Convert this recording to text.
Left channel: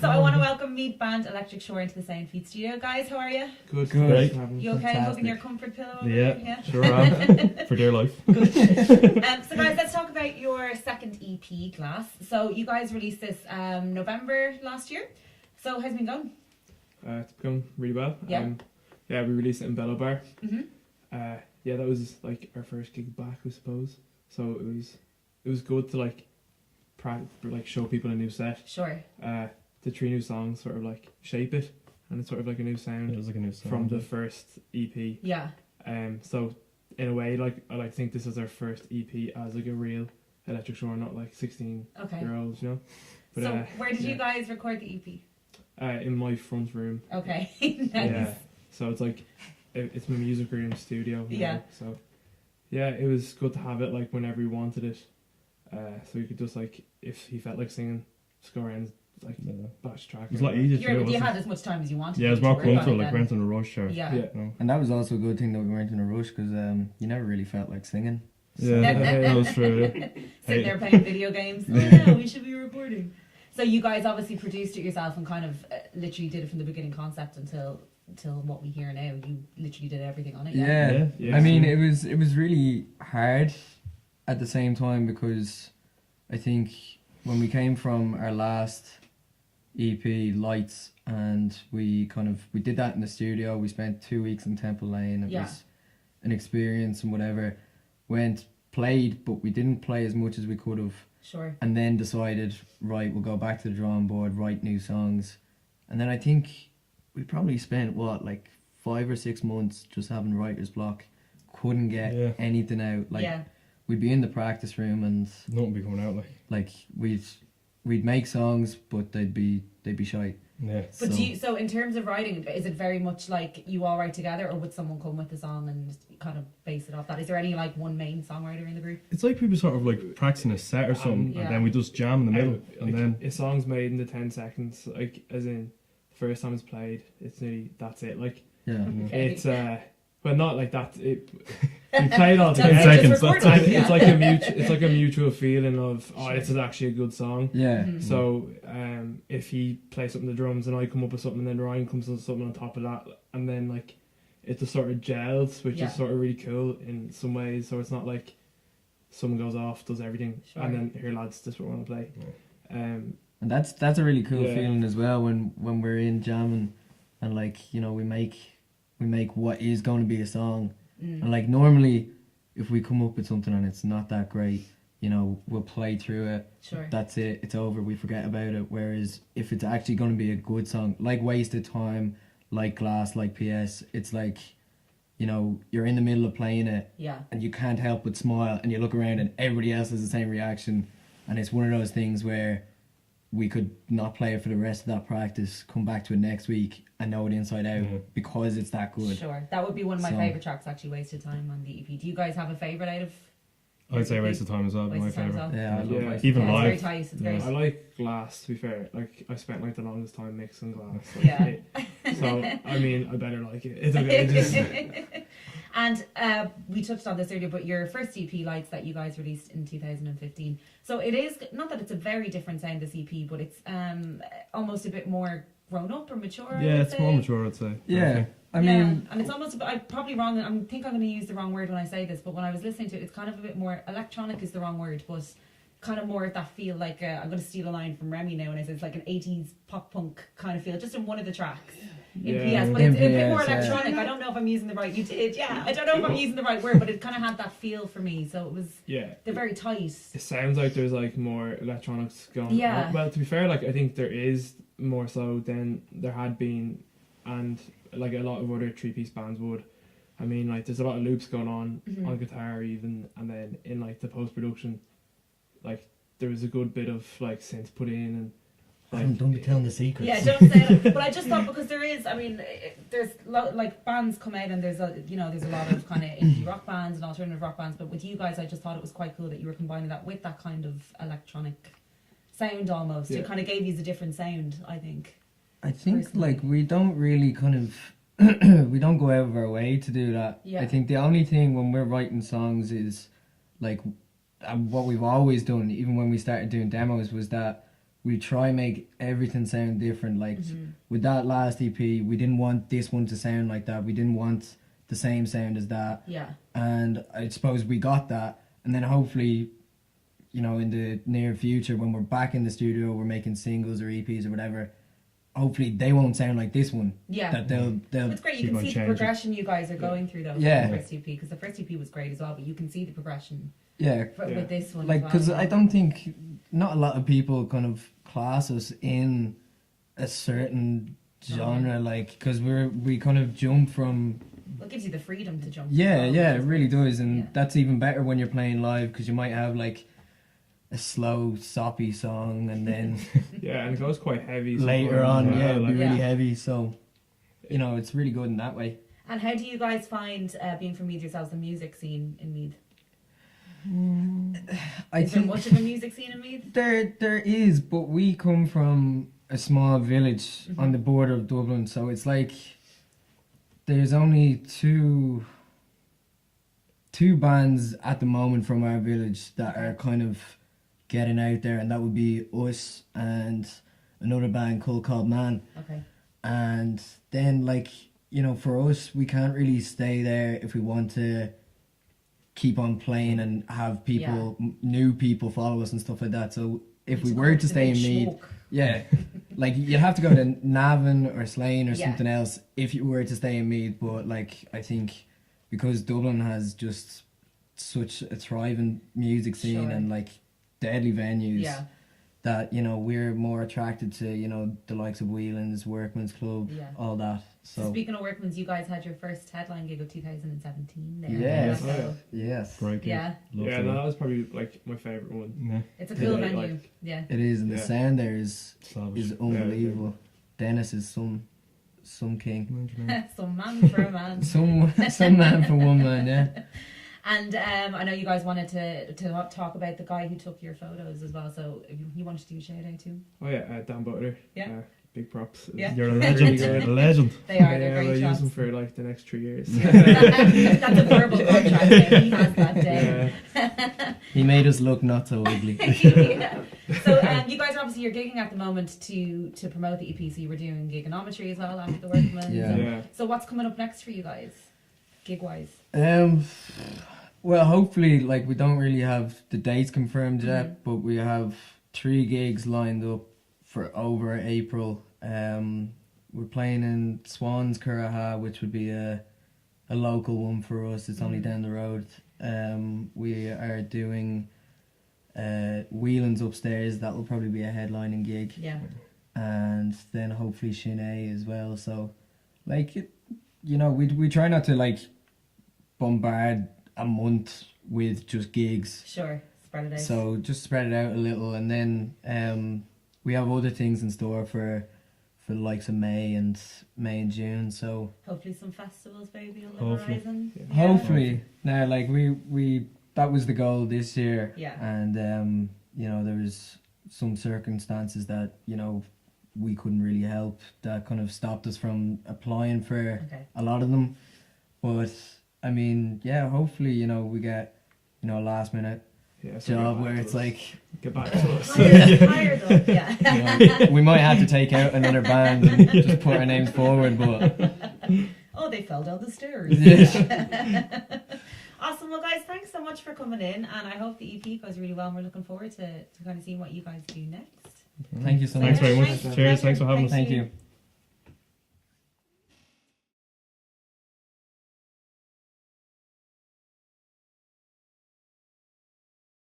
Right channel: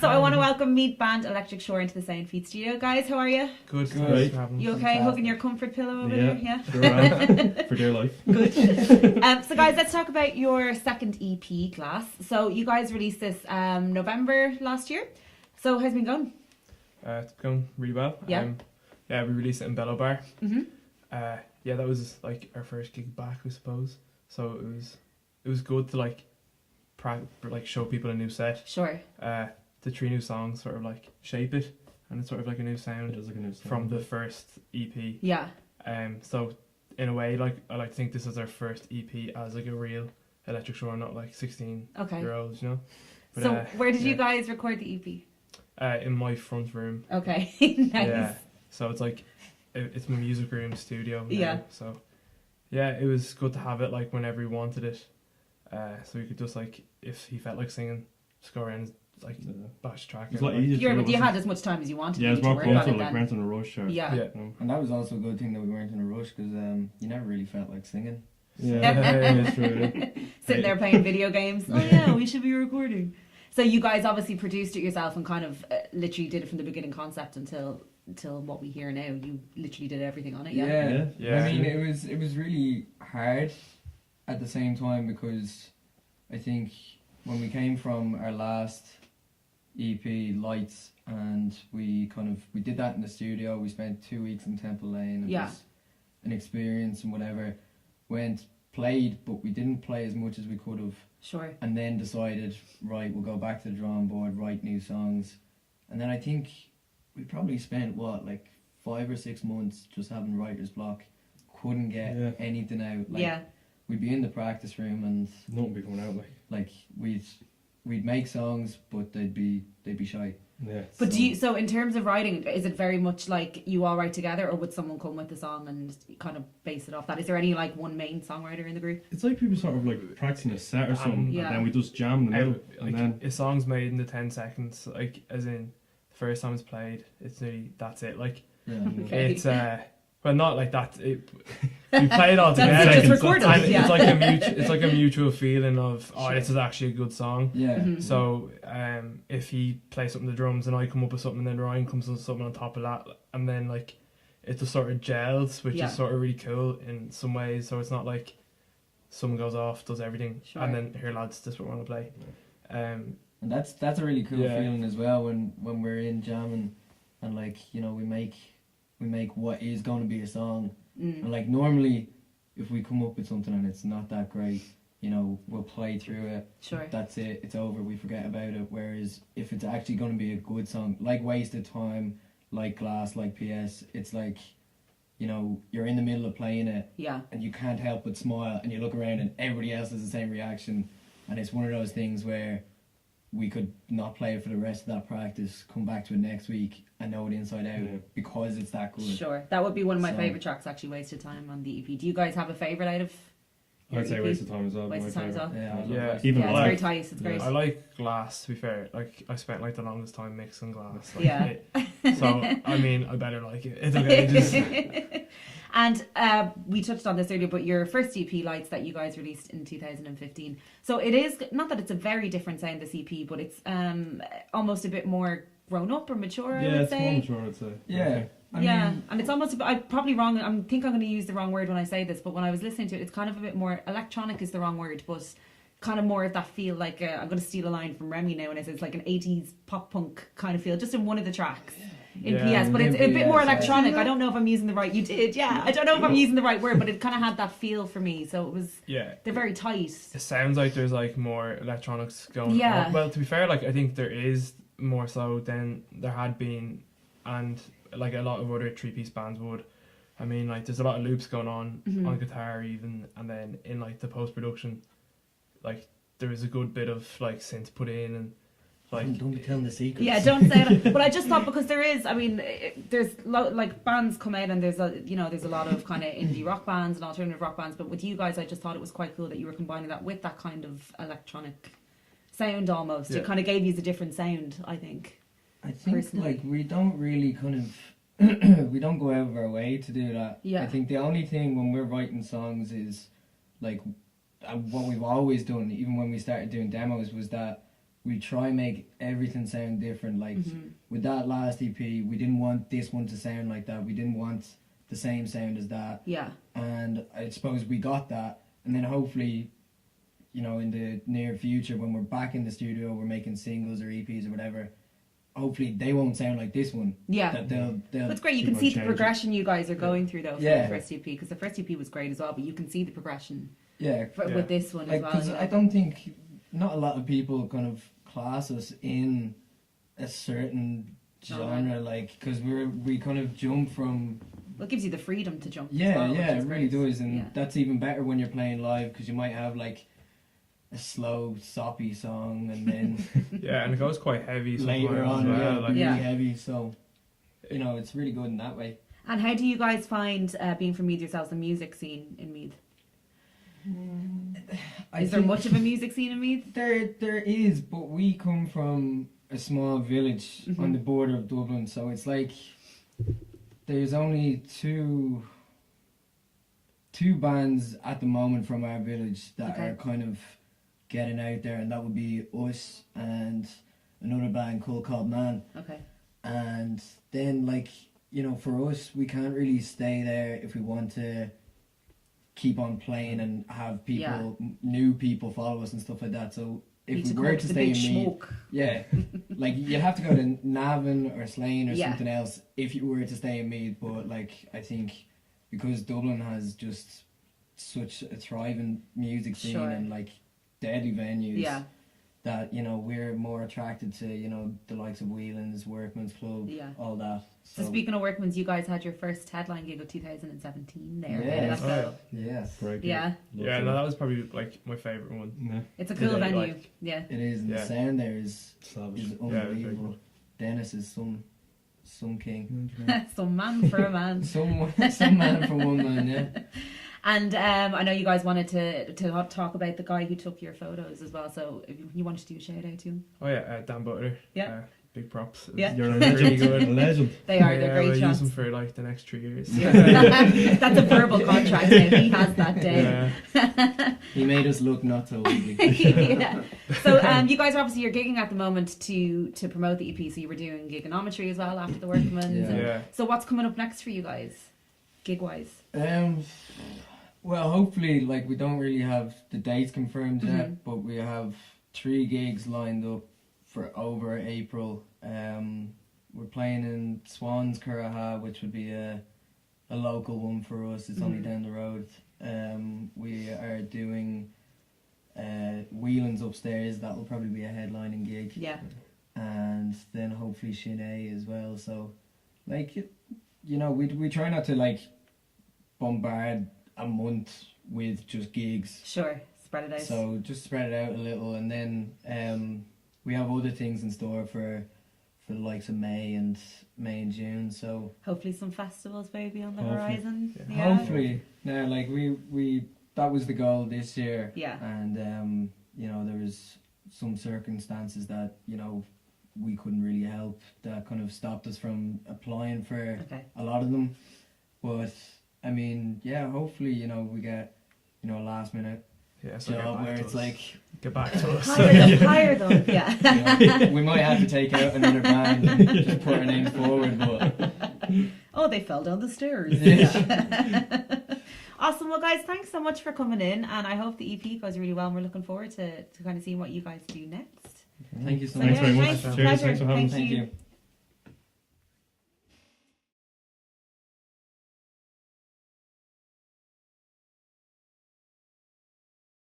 So I want to welcome Meat Band Electric Shore into the Sound Feed studio. Guys, how are you? Good. You okay? Hugging your comfort pillow over Yeah, there? Yeah, sure am. For dear life. Good. So guys, let's talk about your second EP, Glass. So you guys released this November last year. So how's it been going? It's going really well. Yeah. We released it in Bellow Bar. Mm-hmm. That was like our first gig back, I suppose. So it was good to like show people a new set. Sure. The 3 new songs sort of like shape it, and it's sort of like a new It sound was like a new sound. from the first EP. Yeah. So in a way, like I think this is our first EP as like a real Electric Shore, not like 16-year-olds, you know. But, So where did you guys record the EP? in my front room. Okay. Nice. Yeah. So it's like it's my music room studio. Now. Yeah. So yeah, it was good to have it like whenever he wanted it. So you could just like if he felt like singing, score in like bash track. It was a lot easier. You had as much time as you wanted. Yeah, it was to more work on comfortable, it like then. weren't in a rush or... Yeah. Yeah. You know. And that was also a good thing that we weren't in a rush because you never really felt like singing. Yeah, that was true. Sitting there playing video games. Oh yeah, we should be recording. So you guys obviously produced it yourself and kind of literally did it from the beginning concept until what we hear now. You literally did everything on it. Yeah. Yeah. I mean, it was really hard at the same time because I think when we came from our last EP, Lights, and we did that in the studio. We spent 2 weeks in Temple Lane. It was an experience and whatever. Played, but we didn't play as much as we could have. Sure. And then decided, right, we'll go back to the drawing board, write new songs. And then I think we probably spent, 5 or 6 months just having writer's block. Couldn't get anything out. We'd be in the practice room and Nothing be coming out like... we'd make songs, but they'd be shite. Yeah. But so in terms of writing, is it very much like you all write together, or would someone come with the song and kind of base it off that? Is there any like one main songwriter in the group? It's like people sort of like practicing a set or something, Yeah. and then we just jam in the middle, and then... a song's made in the 10 seconds, like as in the first time it's played, it's nearly that's it. Like Yeah. Okay. it's well, not like that. We play it all That's together. just recorded, and yeah. it's like a mutual feeling of this is actually a good song. Yeah. Mm-hmm. So if he plays something on the drums and I come up with something, and then Ryan comes up with something on top of that, and then like it just sort of gels, which is sort of really cool in some ways. So it's not like someone goes off, does everything, Sure. and then here lads, this is what we want to play. And that's a really cool Yeah. feeling as well when we're in jamming and like, you know, we make what is going to be a song. And like normally if we come up with something and it's not that great, you know, we'll play through it. Sure. That's it, it's over, we forget about it. Whereas if it's actually going to be a good song, like Wasted Time, like Glass, like PS, it's like, you know, you're in the middle of playing it Yeah. and you can't help but smile and you look around and everybody else has the same reaction, and it's one of those things where we could not play it for the rest of that practice, come back to it next week and know it inside out because it's that good. Sure. That would be one of my So- favourite tracks, actually, Wasted Time on the EP. Do you guys have a favourite out of I'd say Waste of Time as well, my Wasted Time as favourite. well? Yeah, I love Yeah. it. Even Yeah, it's live. very tight. It's great. I like Glass, to be fair. Like I spent like the longest time mixing Glass. Like, Yeah. So I mean, I better like it. It is. And we touched on this earlier, but your first EP, Lights, that you guys released in 2015. So it is, not that it's a very different sound, this EP, but it's almost a bit more grown up or mature, I Yeah, would it's say. more mature, I'd say. Yeah, I yeah, mean, and it's almost a bit, I'm probably wrong, I think I'm going to use the wrong word when I say this, but when I was listening to it, it's kind of a bit more, electronic is the wrong word, but kind of more of that feel like, I'm going to steal a line from Remy now, and it's like an 80s pop punk kind of feel, just in one of the tracks. In Yeah. PS, but it's a bit more PS, yeah. electronic. I don't know if I'm using the right. You did, yeah. I don't know if I'm using the right word, but it kind of had that feel for me. So it was. Yeah. They're very tight. It sounds like there's like more electronics going Yeah. on. Well, to be fair, like I think there is more so than there had been, and like a lot of other 3-piece bands would. I mean, like there's a lot of loops going on on guitar even, and then in like the post production, like there is a good bit of like synth put in and. Like, don't be telling the secrets. Yeah, don't say that. But I just thought because there is, I mean, there's like bands come out and there's there's a lot of kind of indie rock bands and alternative rock bands. But with you guys, I just thought it was quite cool that you were combining that with that kind of electronic sound almost. Yeah. It kind of gave you a different sound, I think. I think personally. like we don't really kind of we don't go out of our way to do that. Yeah. I think the only thing when we're writing songs is like what we've always done, even when we started doing demos, was that we try make everything sound different. Like Mhm. with that last EP, we didn't want this one to sound like that. We didn't want the same sound as that. Yeah. And I suppose we got that. And then hopefully, you know, in the near future, when we're back in the studio, we're making singles or EPs or whatever. Hopefully, they won't sound like this one. Yeah. That they'll But it's great. You keep can on see the changing. progression you guys are going through though. Yeah. For the first EP, because the first EP was great as well. But you can see the progression yeah. for, Yeah. with this one. Like, as well, because you know? I don't think not a lot of people kind of class us in a certain genre, like because we kind of jump from Well, it gives you the freedom to jump. as yeah, well, yeah, which it is really great. does, and Yeah. that's even better when you're playing live because you might have like a slow, soppy song, and then Yeah, and it goes quite heavy later sometimes on, as yeah, well, like, really Yeah. heavy. So you know, it's really good in that way. And how do you guys find being from Meath yourselves, the music scene in Meath? I Is there think much of a music scene in Meath? there is, but we come from a small village on Mhm. the border of Dublin, so it's like there's only two bands at the moment from our village that are kind of getting out there, and that would be us and another band called Man. Okay. And then, like, you know, for us, we can't really stay there if we want to keep on playing and have people, new people follow us and stuff like that. So if Need we come were up to the stay in big Meath, smoke. yeah, like you'd have to go to Navan or Slane or Yeah. something else if you were to stay in Meath. But like, I think because Dublin has just such a thriving music scene Sure. and like deadly venues, Yeah. that you know we're more attracted to, you know, the likes of Whelan's, Workman's Club, Yeah. all that. So So speaking of Workman's, you guys had your first headline gig of 2017 there. Yes. So, yes, Great. yeah, Yeah, no, that was probably like my favourite one. Yeah. it's a cool Yeah, venue. like- Yeah. it is, and the Yeah. sound there is Savage. unbelievable. Dennis is some king. Some man for a man. Some man for one man, yeah. And I know you guys wanted to talk about the guy who took your photos as well. So if you wanted to do a shout out to him, Oh yeah, Dan Butler. Yeah. Big props. Yeah. You're a Really legend. good. A legend. they are. Yeah, They're great we'll shots. use them for like the next 3 years. That's a verbal contract. Now. He has that down. Yeah. He made us look not so ugly. Yeah. So you guys are obviously you're gigging at the moment to promote the EP. So you were doing gigonometry as well after the Workman's. Yeah. Yeah. So what's coming up next for you guys, gig wise? Well, hopefully, like we don't really have the dates confirmed yet, Mhm. but we have 3 gigs lined up for over April. We're playing in Swans Curraha, which would be a local one for us. It's only Mhm. down the road. We are doing Whelan's upstairs. That will probably be a headlining gig, Yeah. and then hopefully Shinee as well. So, like, you know, we try not to like bombard a month with just gigs. Sure. Spread it out. So just spread it out a little, and then we have other things in store for the likes of May and June. So hopefully some festivals maybe on the Hopefully. horizon. Yeah. Yeah. hopefully, now like we that was the goal this year, Yeah. and you know there was some circumstances that you know we couldn't really help that kind of stopped us from applying for Okay. a lot of them. But I mean, yeah, hopefully you know we get you know a last minute Yeah. So job where it's like get back to us. Hire them. Yeah. we might have to take out another band and just put our names forward, but Oh, they fell down the stairs. Yeah. Awesome. Well, guys, thanks so much for coming in, and I hope the EP goes really well. And we're looking forward to kind of seeing what you guys do next. thank you so Thanks much. very much. Thanks. Cheers. Thanks for having us. Thank you.